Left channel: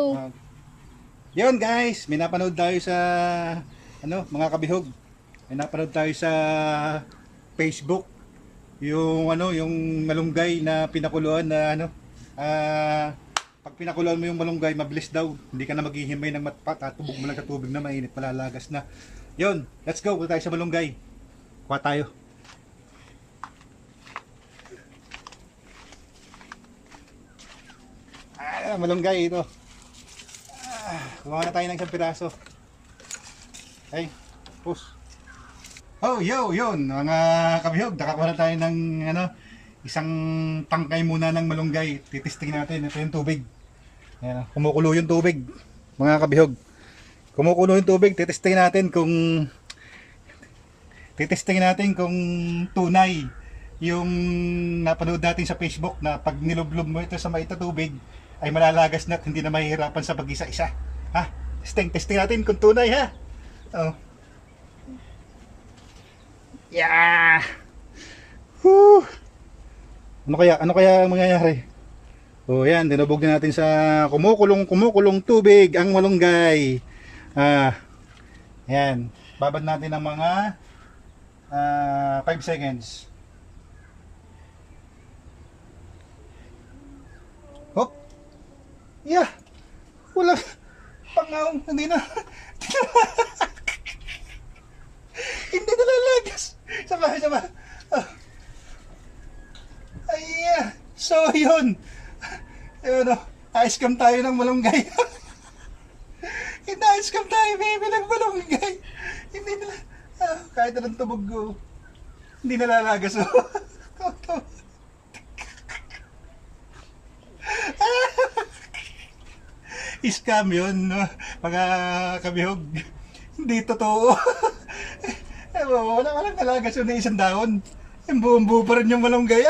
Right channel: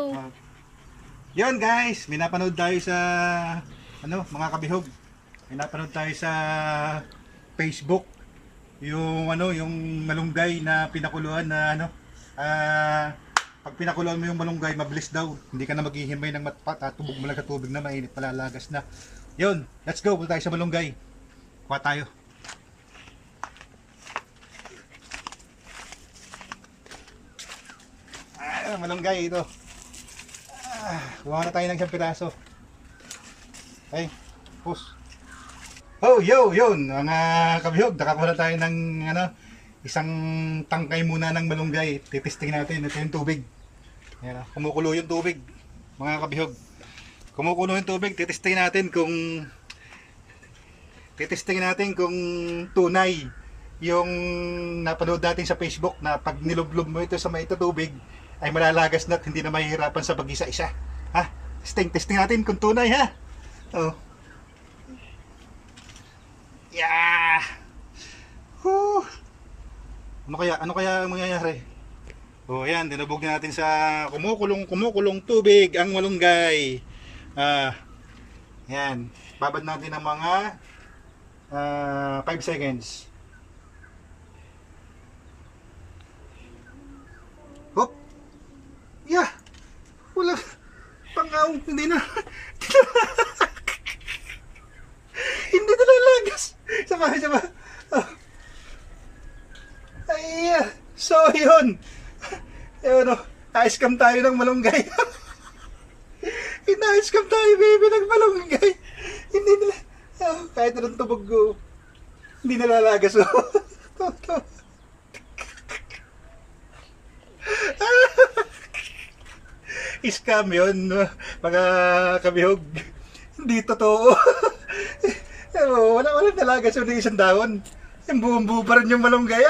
Uh, Yun guys, may napanood tayo sa mga kabihog. May napanood tayo sa Facebook yung malunggay na pinakuluan na pag pinakuluan mo yung malunggay, mabilis daw. Hindi ka na maghihimay ng tubog mo lang sa tubig na mainit, malalagas na. Yun, let's go. Punta tayo sa malunggay. Kuha tayo. Malunggay ito. Kuha na tayo ng isang piraso. Ay, push. Oh, yun, mga kabihog, nakakuha na tayo ng isang tangkay muna ng malunggay. Titesting natin, ito yung tubig. Ayan, kumukulo yung tubig, mga kabihog. Kumukulo yung tubig, titesting natin kung tunay yung napanood natin sa Facebook na pag nilublob mo ito sa maita tubig ay malalagas na at hindi na mahihirapan sa pag-isa-isa. Ha? Testing natin kung tunay, ha? Oh. Yeah. Woo. Ano kaya ang mangyayari? Oh, yan, dinubog na natin sa kumukulong tubig ang malunggay. Yan. Babad natin ng mga 5 seconds. Hop. Yeah. Wala. Pangaw, hindi na. Hindi na lalagas. Sama. Oh. Ay, so yun. Ayun, na-scam tayo ng malunggay. Na-scam tayo, baby, ng malunggay. Hindi na, kahit anong tubog ko, hindi na lalagas. Scam yun, mga kabihog. Hindi totoo. Walang talaga so isang dahon. Yung buong buo pa rin yung malunggay.